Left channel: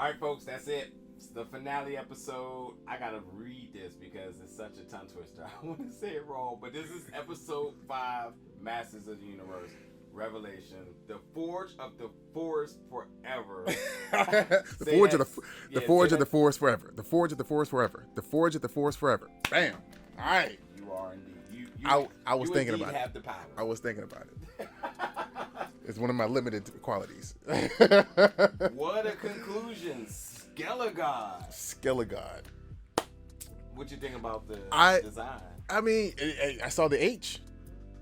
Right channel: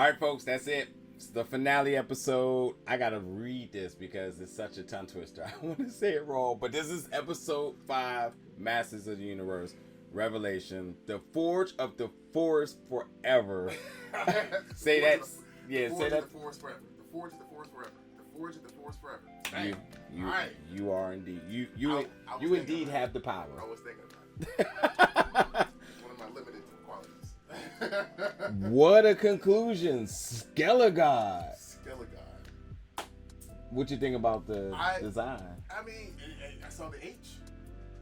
All right, folks, that's it. It's the finale episode. I gotta read this because it's such a tongue twister. I want to say it wrong, but this is episode 5, Masters of the Universe, Revelation, the Forge of the Forest Forever. The Forge of the Forest Forever. The Forge of the Forest Forever. The Forge of the Forest Forever. Bam. All right. You are indeed. I was thinking about it. Have the power. I was thinking about it. It's one of my limited qualities. What a conclusion. Skelegod. What you think about the design? I mean, I saw the H.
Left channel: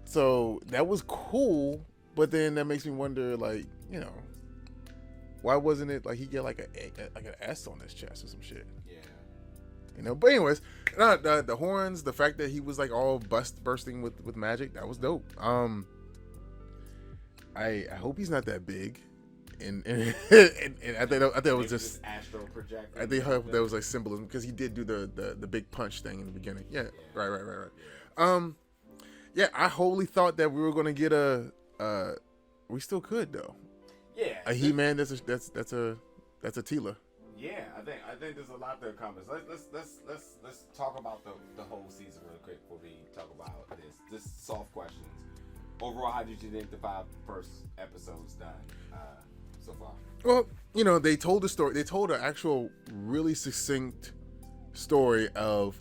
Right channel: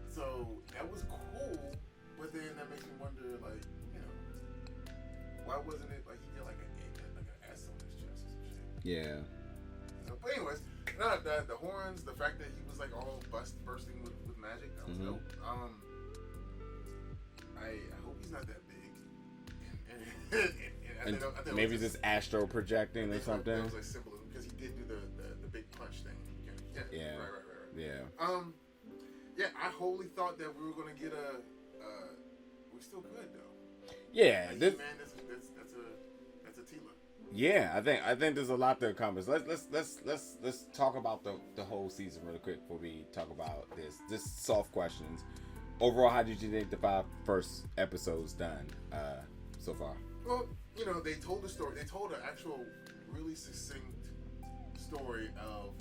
So that was cool. But then that makes me wonder, like, you know, why wasn't it like he get like an S on his chest or some shit? Yeah. You know, but anyways, the horns, the fact that he was like all bursting with magic, that was dope. I hope he's not that big, and I think it was just astral projecting. I think that was like symbolism because he did do the big punch thing in the beginning. Yeah. Right. Yeah. Yeah. I wholly thought that we were gonna get we still could though. Yeah. A He-Man that's a Teela. Yeah, I think there's a lot to accomplish. Let's talk about the whole season really quick before we talk about this. Just soft questions. Overall, how did you think the 5 first episodes done so far? Well, you know, they told the story. They told an actual really succinct story of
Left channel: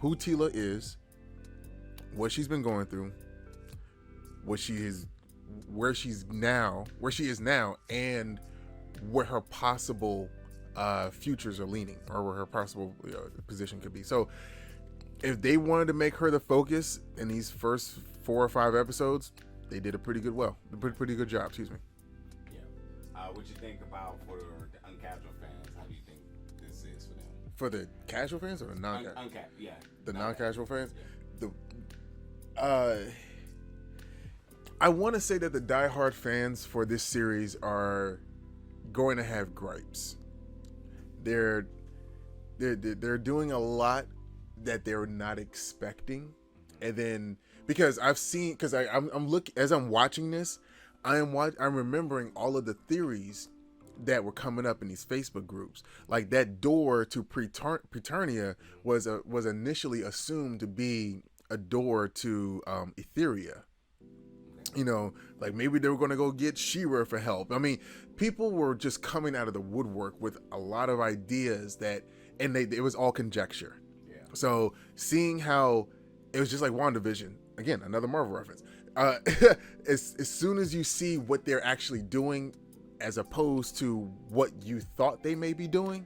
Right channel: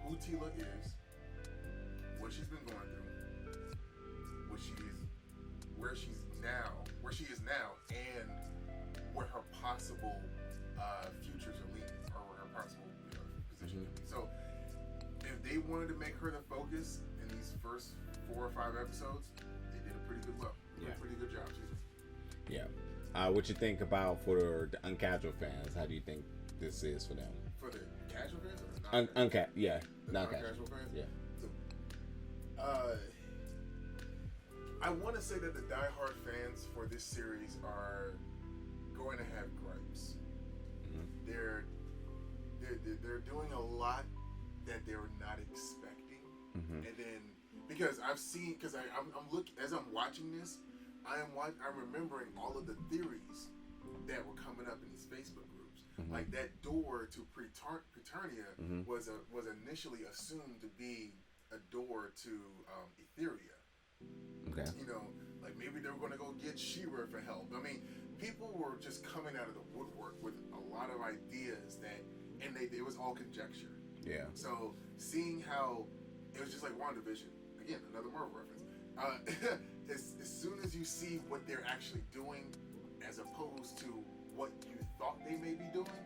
who Teela is, what she's been going through, where she is now, and where her possible futures are leaning, or where her possible position could be. So if they wanted to make her the focus in these first 4 or 5 episodes, they did a pretty good job. Excuse me. Yeah. What you think about for the uncasual fans? How do you think this is for them? For the casual fans or the non-casual? The non-casual fans. Yeah. I want to say that the diehard fans for this series are going to have gripes. They're doing a lot that they're not expecting, and then because as I'm watching this, I'm remembering all of the theories that were coming up in these Facebook groups. Like that door to Preternia was initially assumed to be a door to Etheria. Okay. You know, like maybe they were going to go get She-Ra for help. I mean, people were just coming out of the woodwork with a lot of ideas and it was all conjecture. Yeah. So seeing how it was just like WandaVision, again, another Marvel reference. As soon as you see what they're actually doing, as opposed to what you thought they may be doing,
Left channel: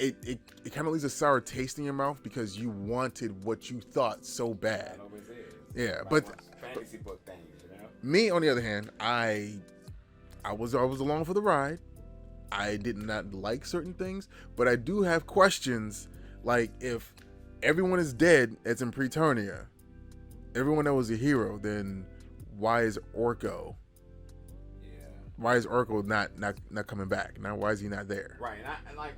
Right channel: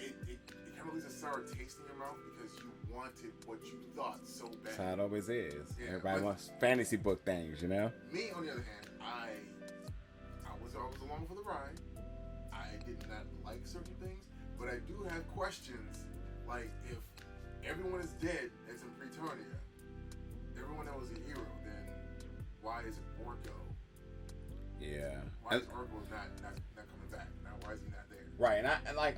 it kind of leaves a sour taste in your mouth because you wanted what you thought so bad. It always is. Yeah, everybody wants fantasy book things, you know. Me, on the other hand, I was along for the ride. I did not like certain things, but I do have questions. Like, if everyone is dead, as in Preternia, everyone that was a hero, then why is Orko? Yeah. Why is Orko not coming back? Now, why is he not there? Right, and I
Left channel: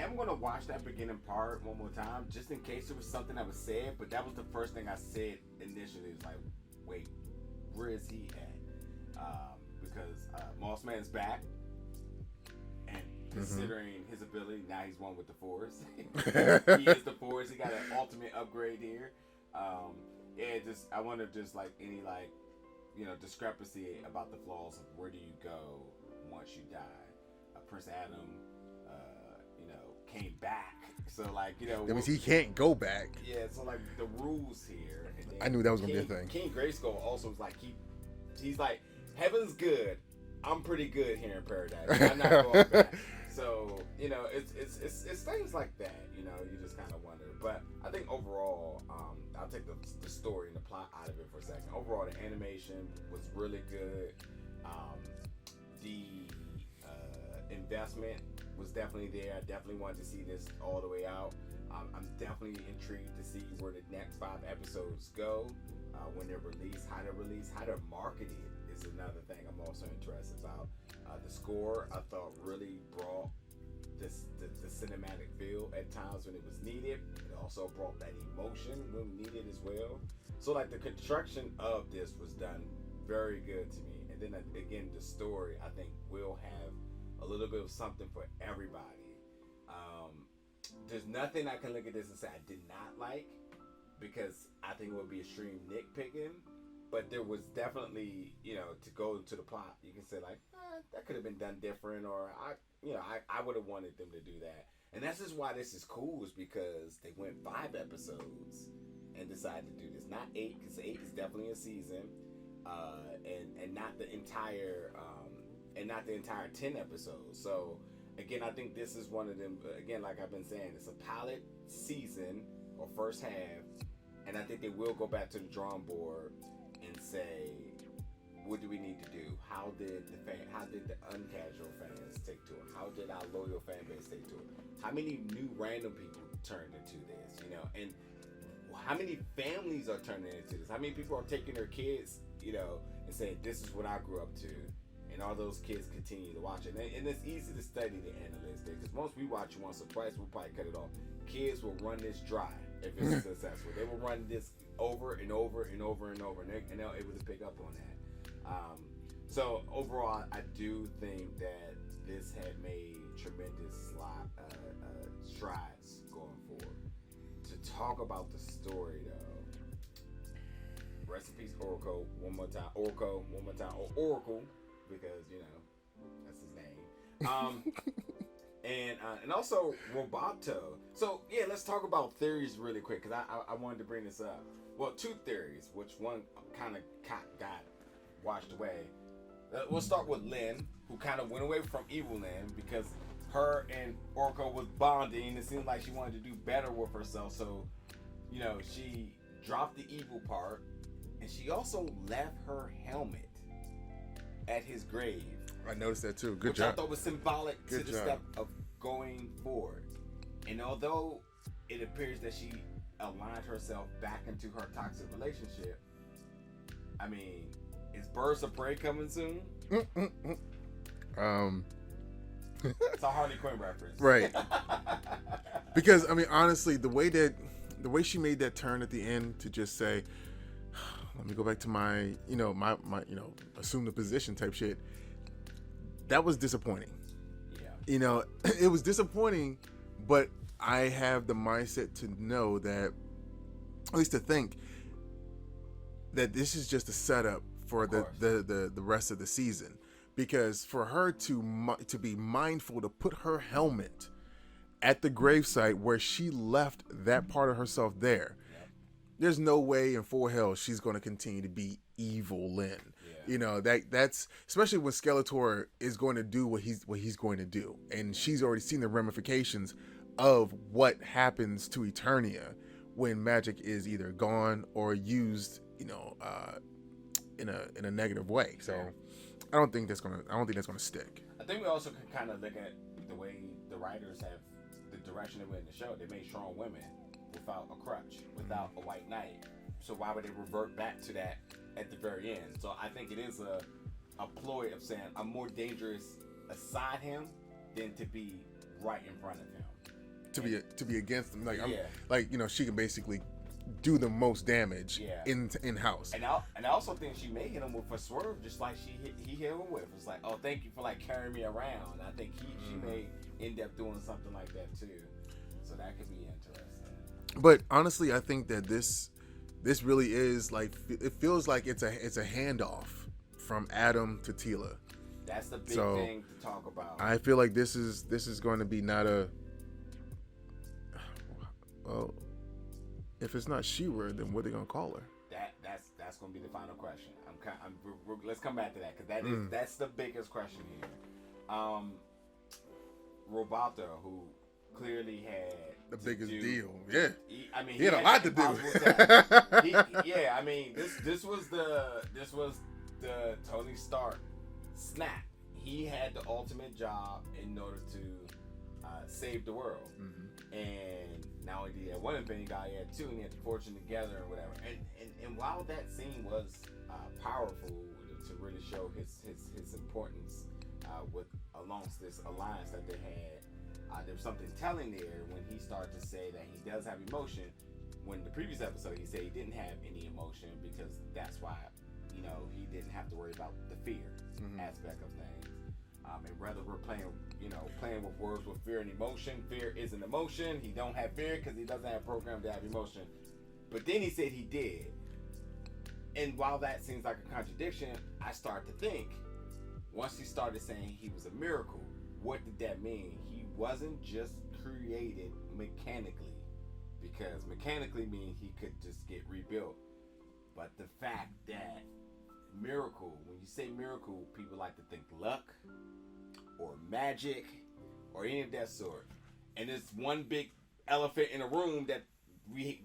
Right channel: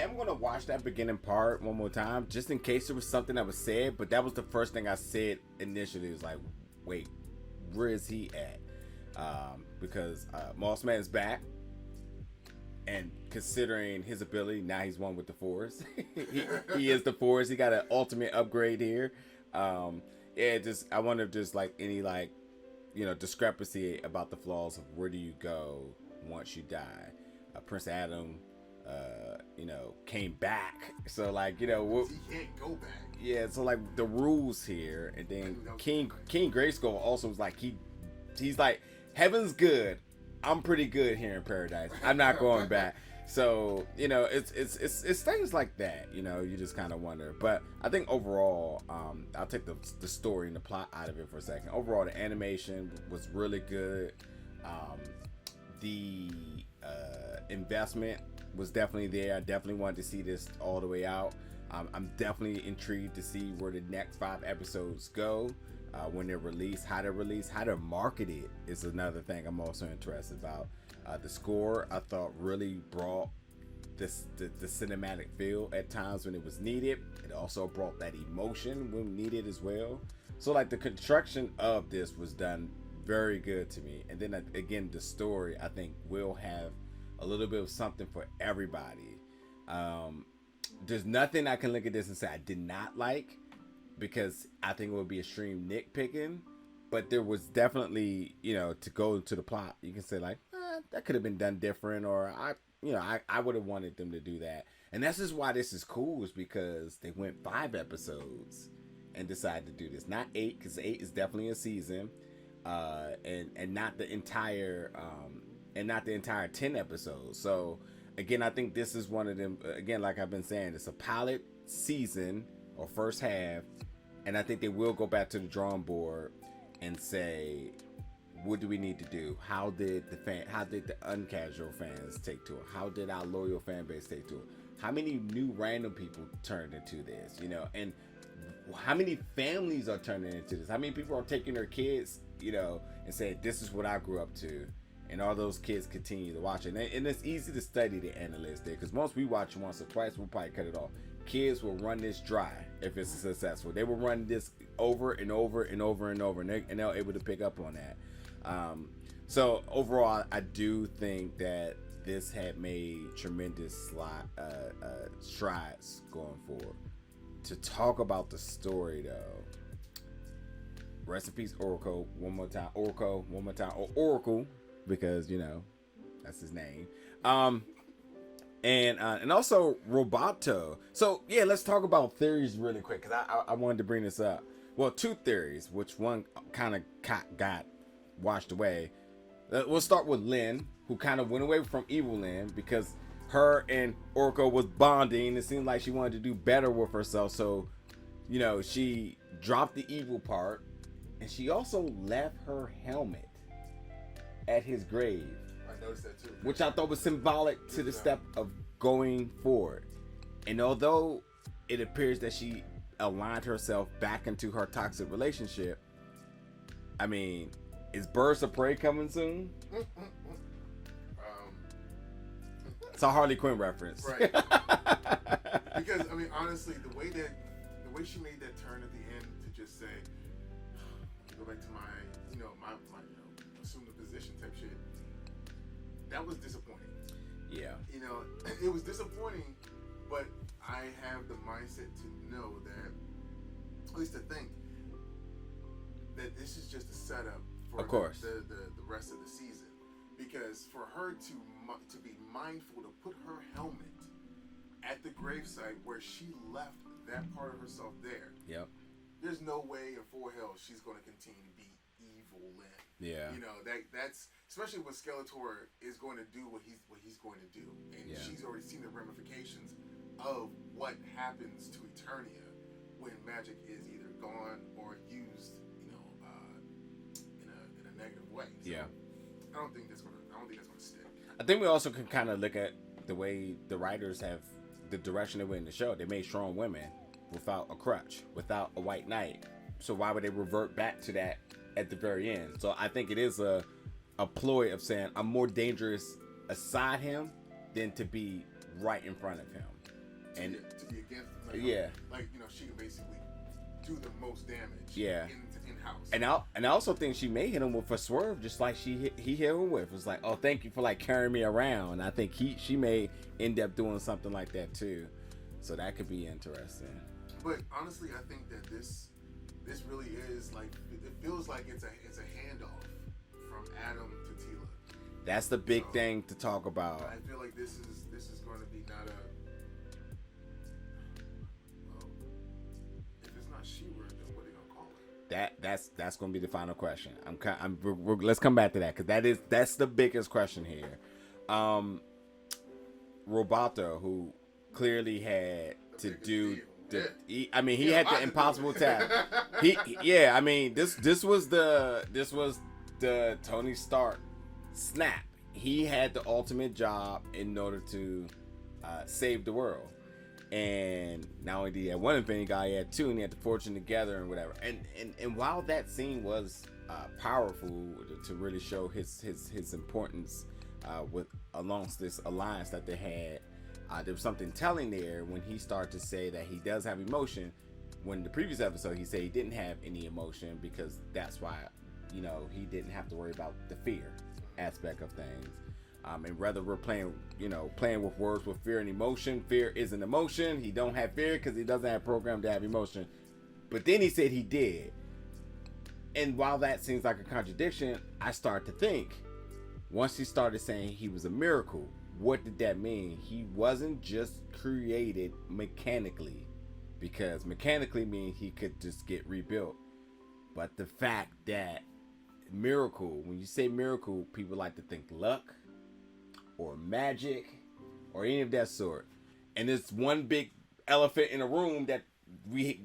am gonna watch that beginning part one more time, just in case there was something that was said. But that was the first thing I said initially. It was like, wait, where is he at? Because Mossman is back, and considering his ability, now he's one with the Force. He is the Force. He got an ultimate upgrade here. I wonder if there's like any discrepancy about the flaws of where do you go once you die. Prince Adam, came back. So he can't go back. Yeah, so like the rules here, and then I knew that was gonna be a thing. King Grayskull also was like he's like, heaven's good. I'm pretty good here in paradise. I'm not going back. So it's things like that. You just kind of wonder. But I think overall, I'll take the story and the plot out of it for a second. Overall, the animation was really good. The investment was definitely there. I definitely wanted to see this all the way out. I'm definitely intrigued to see where the next 5 episodes go. When they're released, how they're marketed is another thing I'm also interested about. The score, I thought, really brought the cinematic feel at times when it was needed. It also brought that emotion when needed as well. So like the construction of this was done very good to me. And then again, the story, I think, will have a little bit of something for everybody. There's nothing I can look at this and say I did not like, because I think it would be extreme nitpicking. But there was definitely, to go to the plot, you can say like, that could have been done different, or I would have wanted them to do that. And that's just why this is cool, is because they went 5 episodes and decided to do this, not 8, because 8 is definitely a season, and not the entire 10 episodes. So again, I think this is one of them. Again, like I've been saying, it's a pilot season or first half, and I think they will go back to the drawing board and say, what do we need to do? How did the uncasual fans take to it? How did our loyal fan base take to it? How many new random people turned into this? And how many families are turning into this? How many people are taking their kids, and saying, this is what I grew up to, and all those kids continue to watch it. And it's easy to study the analytics there, because once we watch it once or twice, we'll probably cut it off. Kids will run this dry if it's successful. They will run this over and over and over and over, and they're able to pick up on that. So overall, I do think that this had made tremendous strides going forward. To talk about the story, though, rest in peace, Oracle. One more time, or Oracle, because that's his name. And also Roboto. So yeah, let's talk about theories really quick, because I wanted to bring this up. Well, 2 theories, which one kind of got washed away. We'll start with Lynn, who kind of went away from evil Lynn because her and Orko was bonding. It seemed like she wanted to do better with herself, so she dropped the evil part, and she also left her helmet at his grave. I noticed that too. Which I thought was symbolic to the step of going forward. And although it appears that she aligned herself back into her toxic relationship, I mean, is Birds of Prey coming soon? It's a Harley Quinn reference, right? Because I mean, honestly, the way she made that turn at the end to just say, "Let me go back to my assume the position" type shit. That was disappointing. Yeah. It was disappointing, but I have the mindset to know that, at least to think, that this is just a setup for the rest of the season. Because for her to be mindful to put her helmet at the gravesite where she left that part of herself there, there's no way in full hell she's going to continue to be evil Lynn. Yeah. That's especially when Skeletor is going to do what he's going to do, and she's already seen the ramifications of what happens to Eternia when magic is either gone or used, in a negative way. So I don't think that's gonna stick. I think we also can kind of look at the way the writers have the direction they went in the show. They made strong women without a crutch, without a white knight. So why would they revert back to that at the very end? So I think it is a ploy of saying I'm more dangerous aside him than to be right in front of him. To be against him, she can basically do the most damage in house. And I also think she may hit him with a swerve, just like he hit him with. It's like, oh, thank you for like carrying me around. I think she may end up doing something like that too. So that could be interesting. But honestly, I think that this really is like, it feels like it's a handoff from Adam to Teela. That's the big thing to talk about. I feel like this is going to be not a. Well, if it's not She-Ra, then what are they gonna call her? That's gonna be the final question. Let's come back to that, because that's the biggest question here. Roboto, who clearly had the biggest deal. He had the impossible task. This was the Tony Stark snap. He had the ultimate job in order to save the world. And not only did he have one infinity guy, he had 2, and he had to forge them together and whatever. And while that scene was powerful to really show his importance alongst this alliance that they had, there was something telling there when he started to say that he does have emotion. When the previous episode he said he didn't have any emotion, because that's why he didn't have to worry about the fear aspect of things. And whether we're playing with words with fear and emotion, fear is an emotion. He don't have fear because he doesn't have programmed to have emotion. But then he said he did. And while that seems like a contradiction, I start to think, once he started saying he was a miracle, what did that mean? He wasn't just created mechanically, because mechanically means he could just get rebuilt. But the fact that miracle, when you say miracle, people like to think luck or magic or any of that sort. And there's one big elephant in the room that we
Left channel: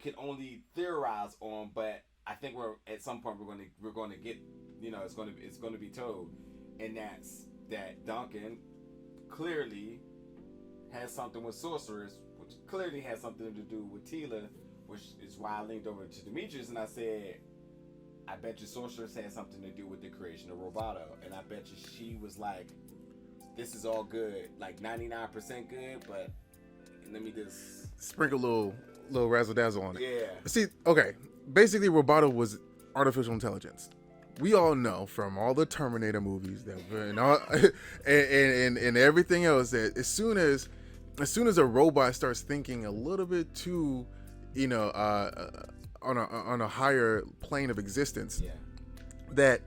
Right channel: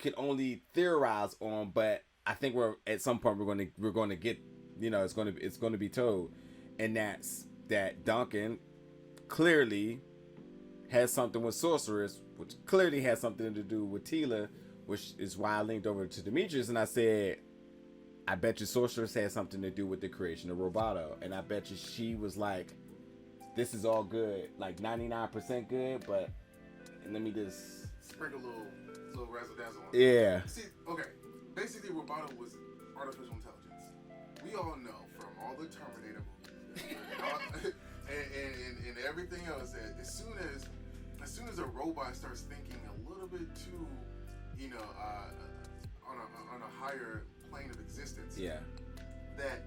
can only theorize on, but I think we're at some point we're going to get, it's going to be told, and that's that Duncan clearly has something with Sorceress, which clearly has something to do with Teela, which is why I linked over to Demetrius and I said, I bet you Sorceress had something to do with the creation of Roboto, and I bet you she was like, this is all good, like 99% good, but let me just sprinkle a little razzle dazzle on it. Yeah. See, okay, basically Roboto was artificial intelligence. We all know from all the Terminator movies and everything else that as soon as a robot starts thinking a little bit too, on a higher plane of existence, that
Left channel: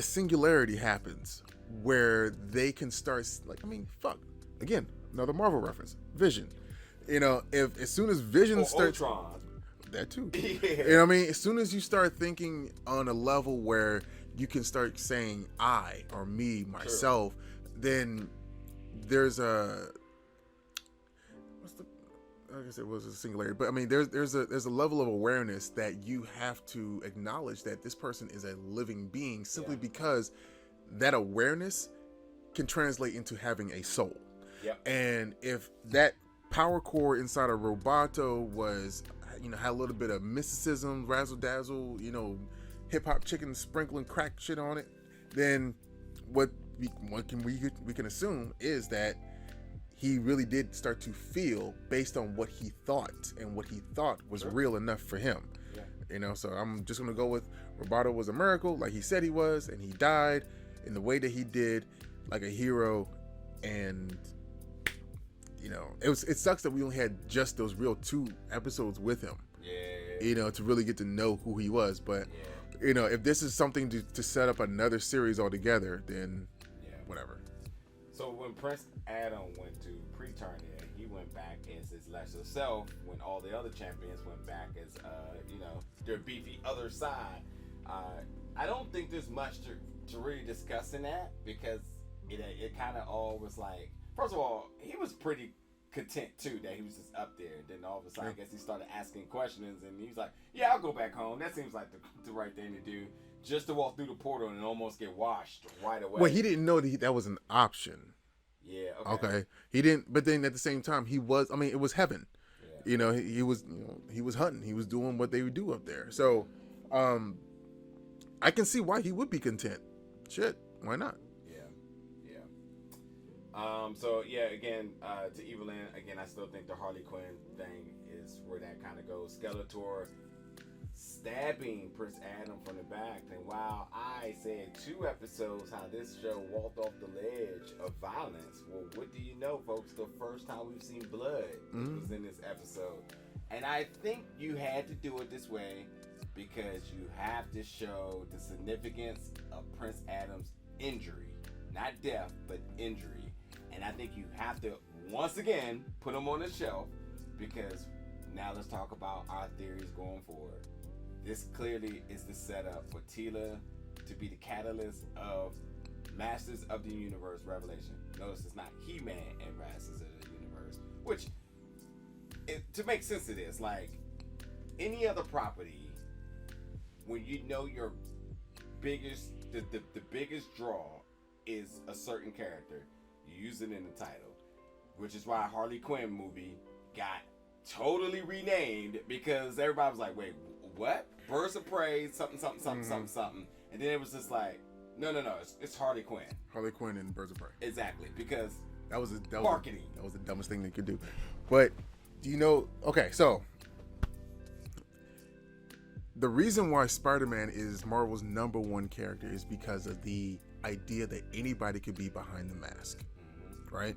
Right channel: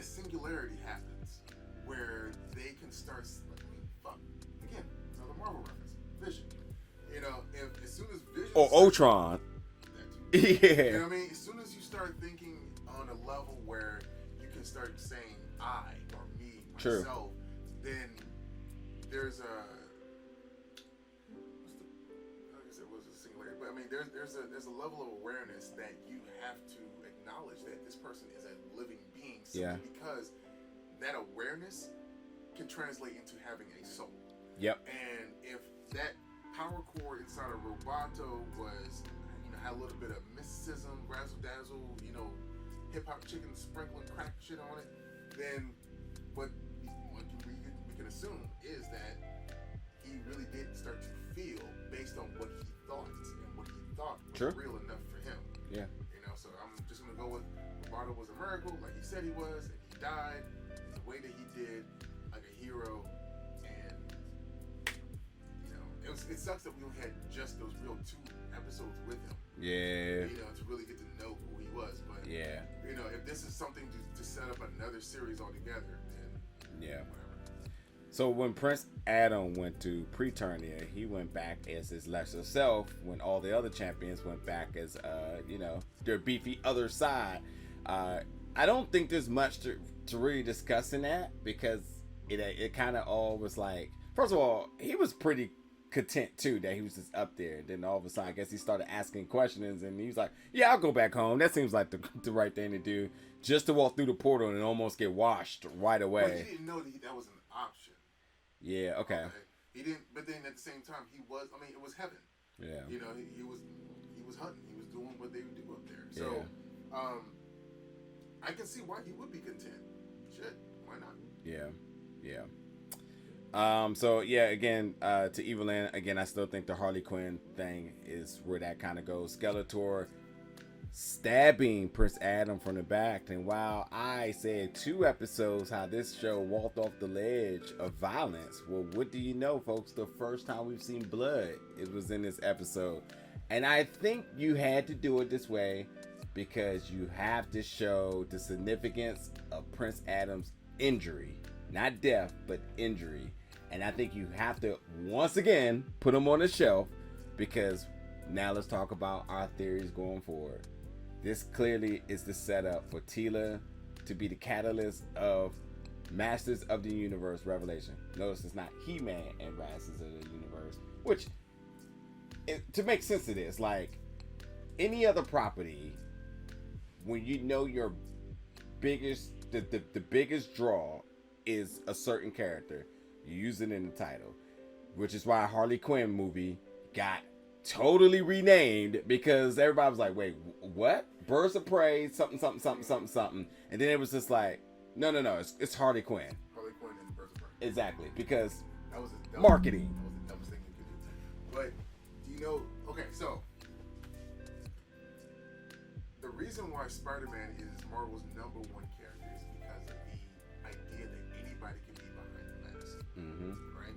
singularity happens where they can start again, another Marvel reference, Vision. If as soon as Vision or Ultron. That too. Yeah. As soon as you start thinking on a level where you can start saying I or me, myself, then there's like I said, it was a singularity, but I mean, there's a level of awareness that you have to acknowledge that this person is a living being simply because that awareness can translate into having a soul. Yep. And if that power core inside of Roboto was, had a little bit of mysticism, razzle dazzle, hip hop chicken sprinkling crack shit on it, then what we can assume is that he really did start to feel based on what he thought, and what he thought was real enough for him. Yeah. So I'm just going to go with Roboto was a miracle, like he said he was, and he died in the way that he did, like a hero. And, it sucks that we only had just those real 2 episodes with him. Yeah. To really get to know who he was. But, if this is something to set up another series altogether, then whatever. So when Prince Adam went to Preternia, he went back as his lesser self, when all the other champions went back as, their beefy other side. I don't think there's much to really discuss in that, because it kind of all was like, first of all, he was pretty content too that he was just up there. Then all of a sudden, I guess he started asking questions, and he was like, "Yeah, I'll go back home. That seems like the right thing to do." Just to walk through the portal and almost get washed right away. Well, he didn't know that was an option. Yeah. Okay. He didn't, but then at the same time, he was. I mean, it was heaven. Yeah. He was. He was hunting. He was doing what they would do up there. So, I can see why he would be content. Shit, why not? Yeah. So yeah, again, to Evelyn, again, I still think the Harley Quinn thing is where that kind of goes. Skeletor stabbing Prince Adam from the back, and while I said 2 episodes how this show walked off the ledge of violence, well, what do you know, folks? The first time we've seen blood, it was in this episode. And I think you had to do it this way because you have to show the significance of Prince Adam's injury. Not death, but injury. And I think you have to, once again, put him on the shelf, because now let's talk about our theories going forward. This clearly is the setup for Teela to be the catalyst of Masters of the Universe Revelation. Notice it's not He-Man and Masters of the Universe, which, to make sense of this, like any other property, when you know your biggest, the biggest draw is a certain character, you use it in the title, which is why Harley Quinn movie got totally renamed, because everybody was like, wait, what? Birds of Prey, something, and then it was just like, no, it's Harley Quinn. Harley Quinn and Birds of Prey. Exactly, because that was marketing. That was the dumbest thing they could do. But do you know? Okay, so the reason why Spider-Man is Marvel's #1 character is because of the idea that anybody could be behind the mask, right?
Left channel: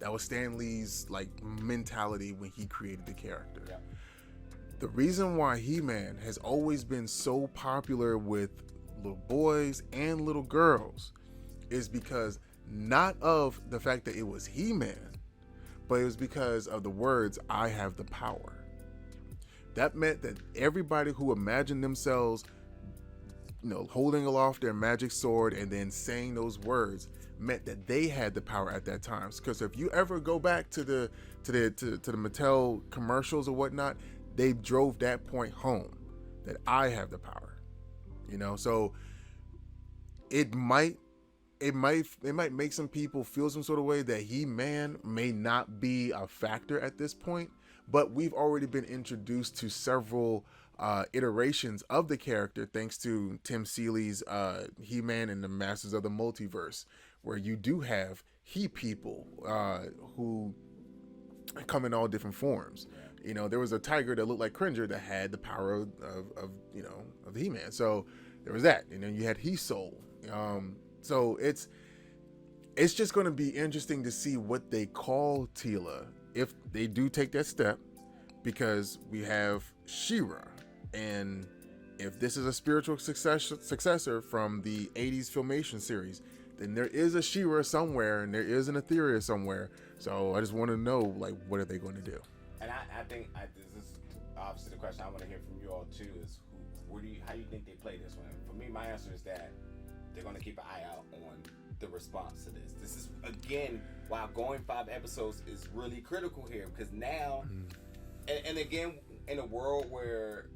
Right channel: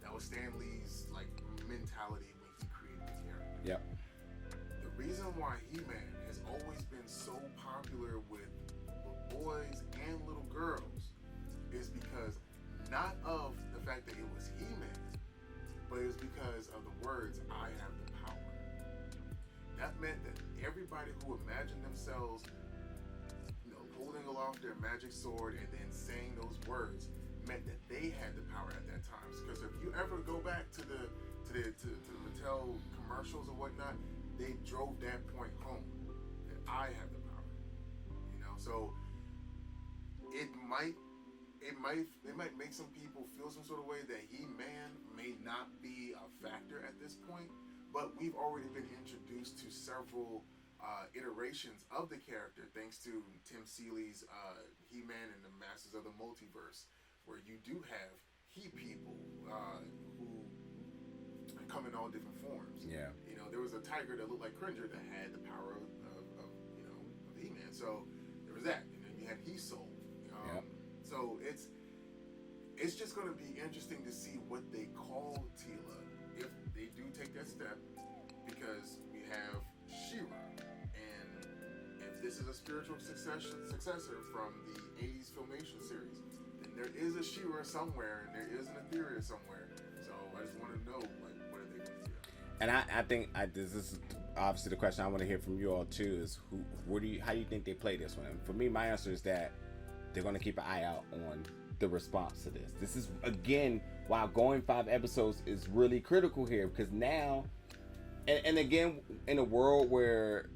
That was Stan Lee's like mentality when he created the character. Yep. The reason why He-Man has always been so popular with little boys and little girls is because not of the fact that it was He-Man, but it was because of the words, "I have the power." That meant that everybody who imagined themselves, holding aloft their magic sword and then saying those words meant that they had the power at that time. Because if you ever go back to the Mattel commercials or whatnot, they drove that point home, that I have the power. So it might make some people feel some sort of way that He-Man may not be a factor at this point, but we've already been introduced to several iterations of the character thanks to Tim Seeley's He-Man and the Masters of the Multiverse, where you do have He-People who come in all different forms. Yeah. There was a tiger that looked like Cringer that had the power of He-Man. So there was that, and then you had He-Soul. So it's just going to be interesting to see what they call Teela if they do take that step, because we have She-Ra, and if this is a spiritual successor from the 80s Filmation series, then there is a She-Ra somewhere and there is an Etheria somewhere. So I just want to know, like, what are they going to do? And I think this is obviously the question I want to hear from you all too, is how do you think they play this one? And for me, my answer is that they're going to keep an eye out on the response to this. This is, again, while going 5 episodes is really critical here, because now, and again, in a world where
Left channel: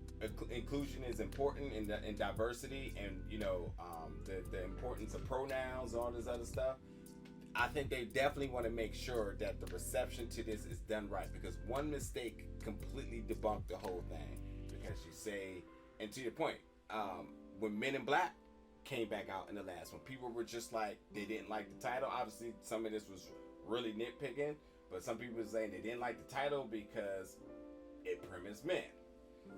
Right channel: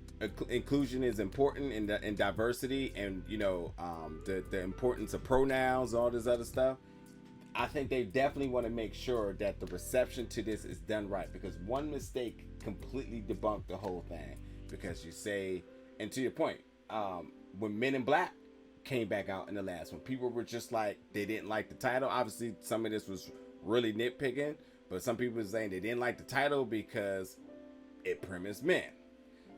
inclusion is important and diversity, and the importance of pronouns, all this other stuff, I think they definitely want to make sure that the reception to this is done right, because one mistake completely debunked the whole thing. Because you say, and to your point, when Men in Black came back out in the last one, people were just like, they didn't like the title. Obviously, some of this was really nitpicking, but some people were saying they didn't like the title because it premised men.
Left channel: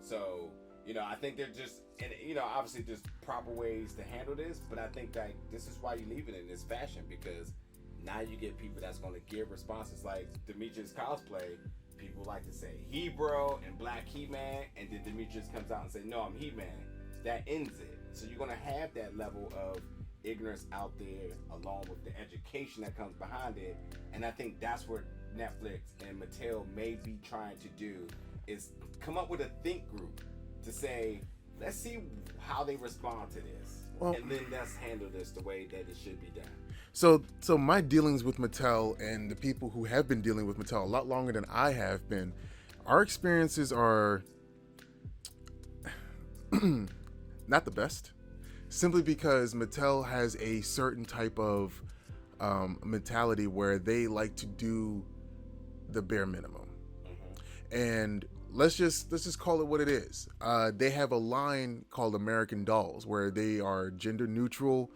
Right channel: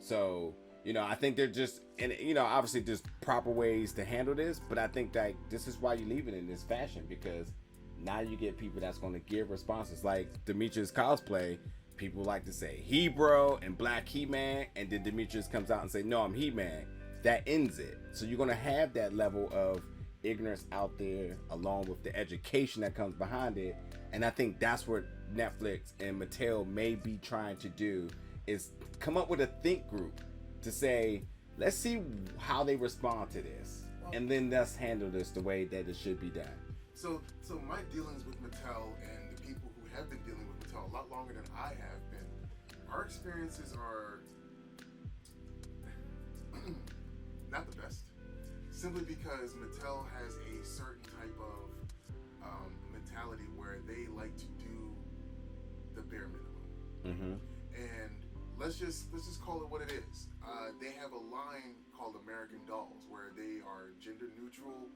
So, I think they're just, and obviously there's proper ways to handle this, but I think like this is why you leave it in this fashion, because now you get people that's going to give responses. Like Demetrius cosplay, people like to say He-Bro and Black He-Man, and then Demetrius comes out and say, no, I'm He-Man. That ends it. So you're going to have that level of ignorance out there, along with the education that comes behind it. And I think that's what Netflix and Mattel may be trying to do, is come up with a think group to say, let's see how they respond to this. Well, and then let's handle this the way that it should be done. So my dealings with Mattel and the people who have been dealing with Mattel a lot longer than I have been, our experiences are not the best, simply because Mattel has a certain type of mentality where they like to do the bare minimum. And let's just call it what it is. They have a line called American Dolls, where they are gender neutral.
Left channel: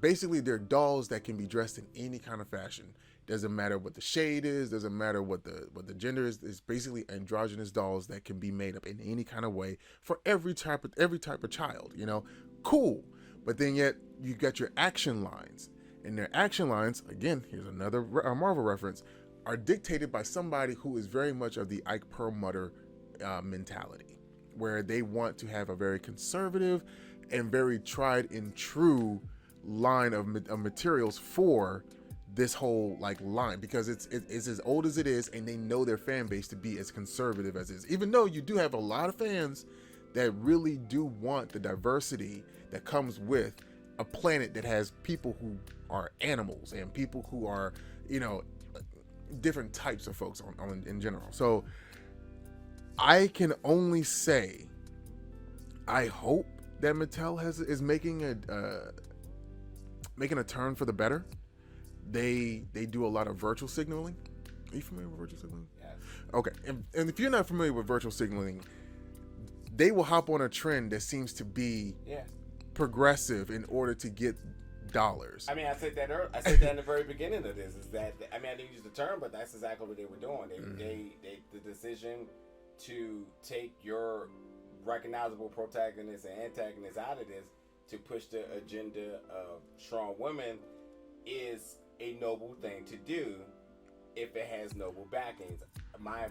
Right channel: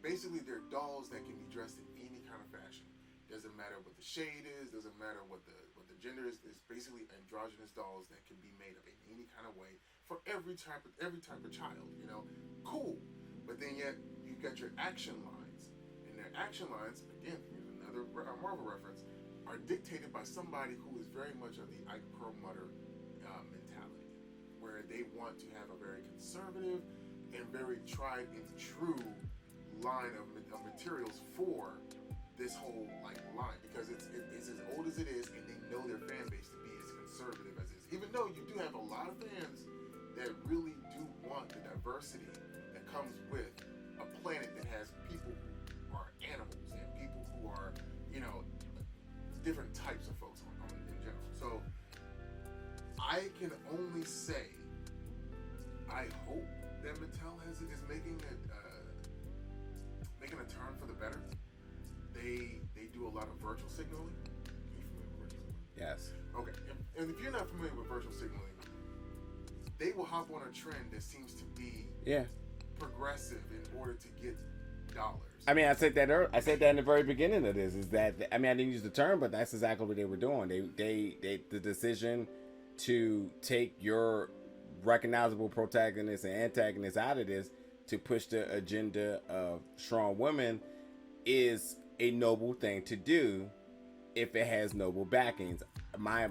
Basically they're dolls that can be dressed in any kind of fashion. Doesn't matter what the shade is, doesn't matter what the gender is. It's basically androgynous dolls that can be made up in any kind of way for every type of child, Cool. But then yet you got your action lines. And their action lines, again, here's another Marvel reference, are dictated by somebody who is very much of the Ike Perlmutter mentality, where they want to have a very conservative and very tried and true line of materials for this whole line, because it's as old as it is, and they know their fan base to be as conservative as it is, even though you do have a lot of fans that really do want the diversity that comes with a planet that has people who are animals and people who are different types of folks in general. So I can only say I hope that Mattel is making a turn for the better. They do a lot of virtual signaling. Are you familiar with virtual signaling? Yes. Okay. And if you're not familiar with virtual signaling, they will hop on a trend that seems to be progressive in order to get dollars. I mean, I said that in the very beginning of this, is that, I mean, I didn't use the term, but that's exactly what they were doing. They the decision to take your recognizable protagonist and antagonist out of this to push the agenda of strong women is a noble thing to do if it has noble backings. My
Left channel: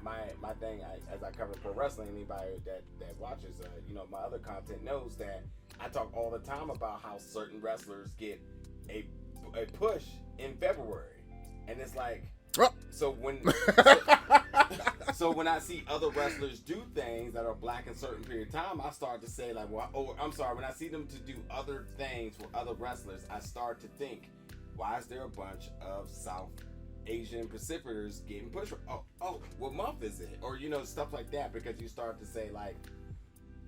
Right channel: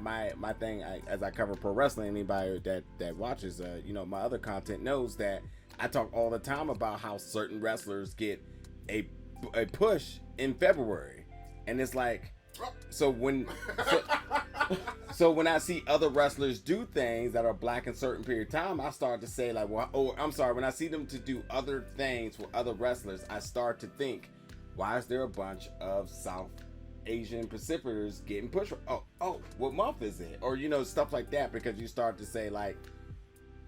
thing, as I cover pro wrestling, anybody that watches my other content knows that I talk all the time about how certain wrestlers get a push in February, and it's like, so when when I see other wrestlers do things that are black in a certain period of time, I start to say like, when I see them to do other things for other wrestlers, I start to think, why is there a bunch of South Asian Pacificers getting pushed? What month is it? Or stuff like that, because you start to say like,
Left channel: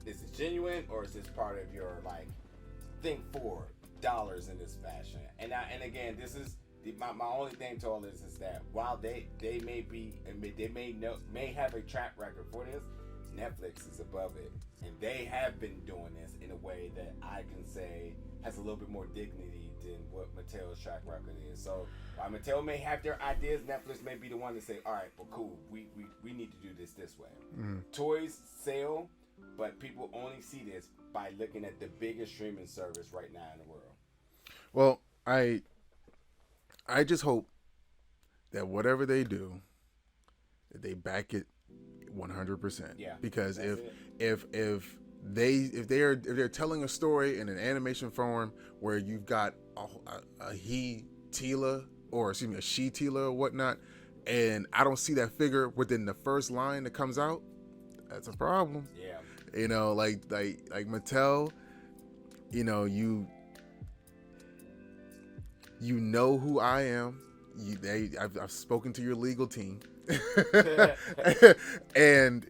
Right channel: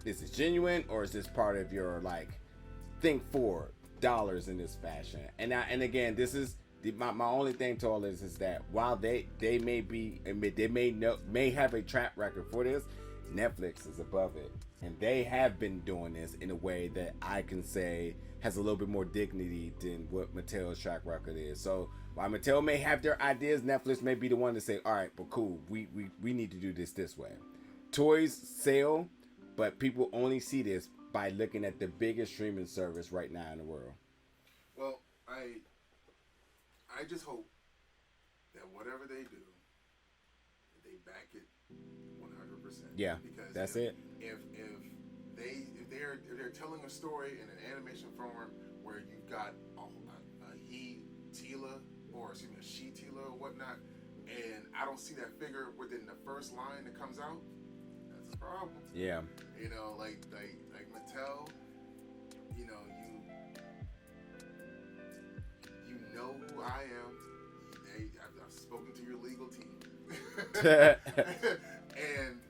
is this genuine, or is this part of your like think for dollars in this fashion? And again, this is my only thing to all this is that while they may have a track record for this, Netflix is above it, and they have been doing this in a way that I can say has a little bit more dignity than what Mattel's track record is. So while Mattel may have their ideas, Netflix may be the one to say, all right, but cool, we need to do this way. Toys sell, but people only see this by looking at the biggest streaming service right now in the world. Well, I just hope that whatever they do, that they back it 100%. Yeah, because if they're telling a story in an animation form where you've got a he Teela, or excuse me, a she Teela or whatnot, and I don't see that figure within the first line that comes out, that's a problem. Yeah, like Mattel, you know who I am. I've spoken to your legal team, and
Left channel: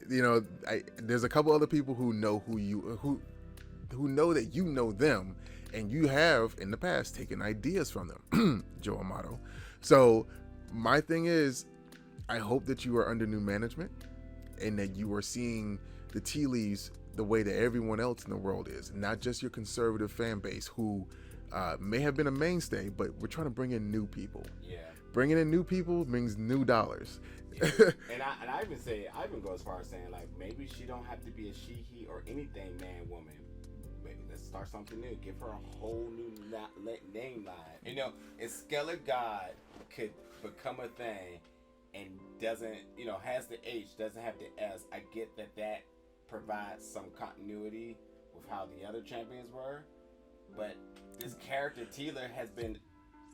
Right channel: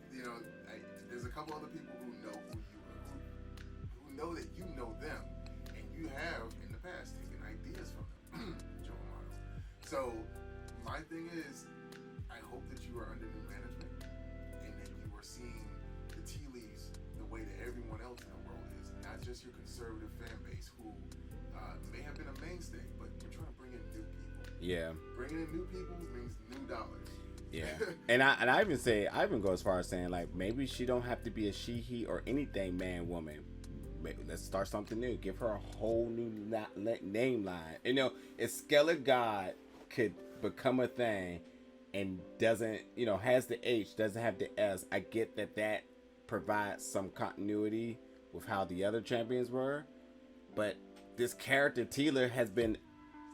there's a couple other people who know who know that you know them, and you have in the past taken ideas from them, Joe Amato. So my thing is, I hope that you are under new management, and that you are seeing the tea leaves the way that everyone else in the world is, not just your conservative fan base who may have been a mainstay, but we're trying to bring in new people. Yeah, bringing in new people means new dollars. Yeah. and I even go as far as saying like, maybe she don't have to be a she, he, or anything, man, woman. Let's start something new. Give her a whole new name line. If Skeleton God could become a thing and doesn't, has the H, doesn't have the S, I get that provides some continuity with how the other champions were, but this character Teela has been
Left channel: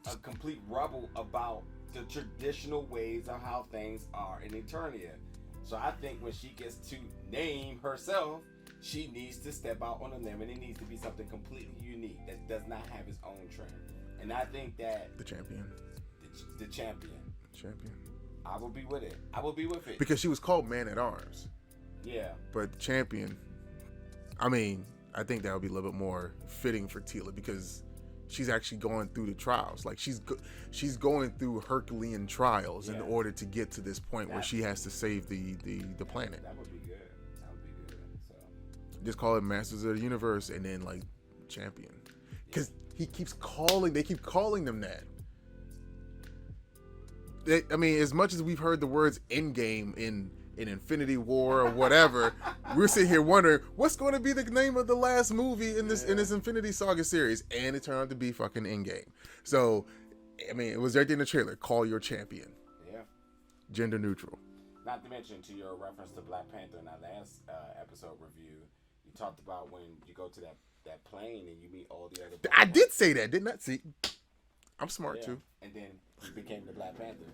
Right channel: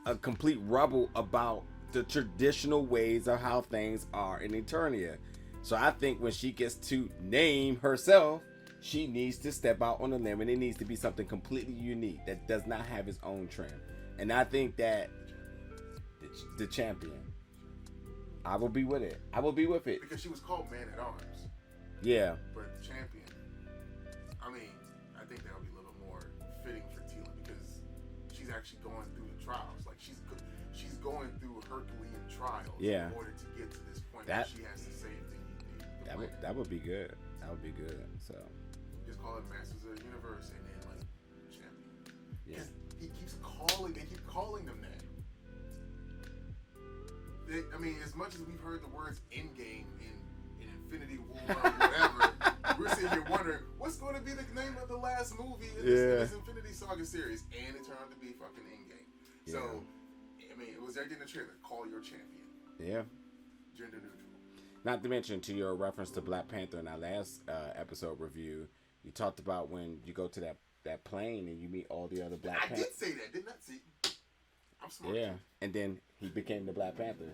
a complete rebel about the traditional ways of how things are in Eternia. So I think when she gets to name herself, she needs to step out on a limb, and it needs to be something completely unique that does not have its own trend. And I think that the champion. I will be with it. I will be with it. Because she was called Man at Arms. Yeah. But champion, I think that would be a little bit more fitting for Teela, because she's actually going through the trials. Like she's going through Herculean trials in order to get to this point where she has to save the planet. That would be good. So just call it Masters of the Universe, and then like champion, because they keep calling them that. As much as we've heard the words Endgame in Infinity War or whatever, we're sitting here wondering what's going to be the name of the last movie in this Infinity Saga series, and it turned out to be fucking Endgame. So, it was right there in the trailer. Call your champion. Yeah. Gender neutral. Not to mention, to your reference to Black Panther in our last episode review, you talked about when you go to that plane and you meet all the other Black Panthers. Did say that, didn't I? See, I'm smart too. And then he became the Black Panther.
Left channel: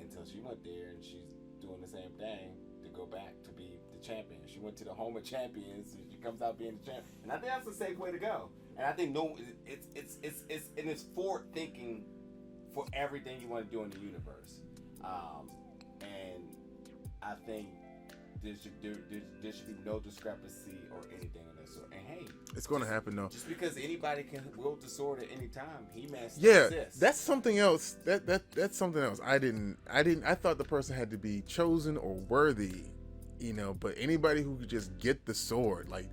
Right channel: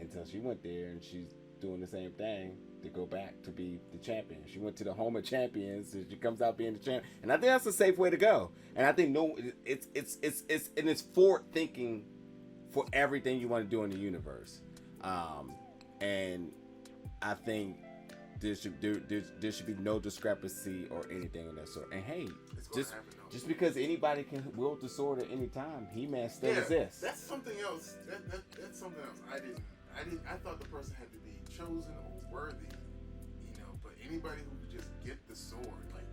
Until she went there and she's doing the same thing to go back to be the champion. She went to the home of champions, and she comes out being the champion. And I think that's a safe way to go. And I think it's forward thinking for everything you want to do in the universe. And I think there should be no discrepancy or anything of that sort. And hey, it's going to happen though. Just because anybody can wield the sword at any time, He-Man still exists. That's something else. That's something else. I thought the person had to be chosen or worthy, But anybody who could just get the sword, like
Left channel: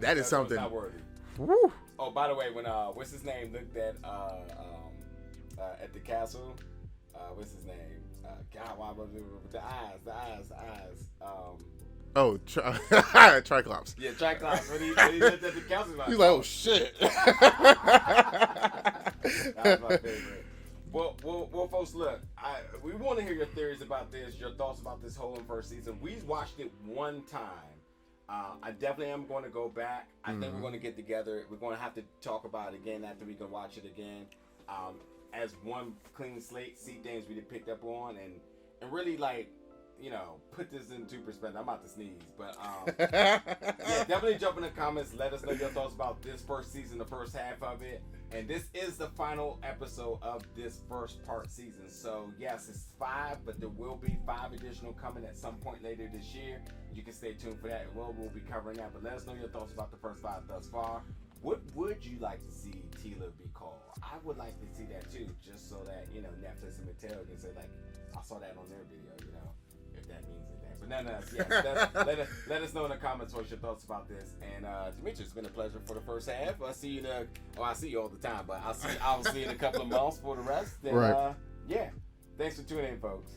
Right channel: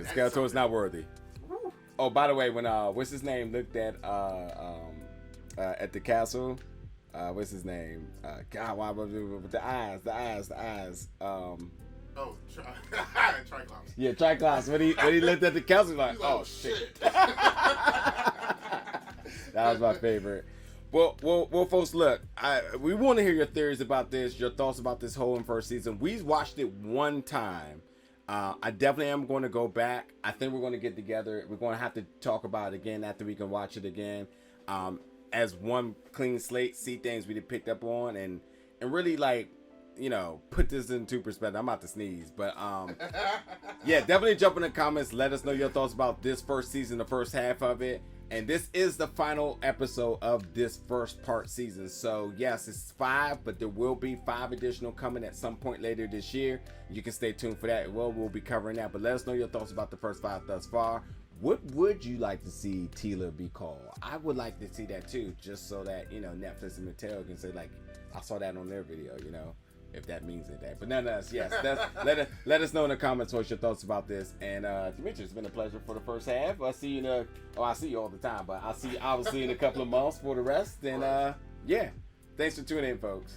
that is something. Not worthy. Woo. Oh, by the way, when what's his name looked at the castle. What's his name? God, why was it with the eyes? Oh, Triclops. Yeah, Triclops. When he looked at the couch, he's like, oh shit. That was my favorite. Well, folks, look, we want to hear your theories about this, your thoughts about this whole first season. We watched it one time. I definitely am going to go back. I think we're going to get together. We're going to have to talk about it again after we can watch it again. As one clean slate, see things we picked up on, and really, like, you know, put this into perspective. I'm about to sneeze, but yeah, definitely jump in the comments. Let us know your thoughts about this first season, the first half of it. And this is the final episode of this first part season. So yes, it's 5, but there will be 5 additional coming at some point later this year. You can stay tuned for that. We'll be covering that. But let us know your thoughts about the first 5 thus far. What would you like to see Teela be called? I would like to see that too, just so that, you know, Netflix and Mattel can say, like, I saw that on their video, you know, if that means anything. But nonetheless, yes, let us know in the comments what's your thoughts about this. And Demetrius, it's been a pleasure for the first half. I'll see you I see you all the time, but I'll see you in a couple of months for the rest. And right. Yeah, thanks for tuning in, folks.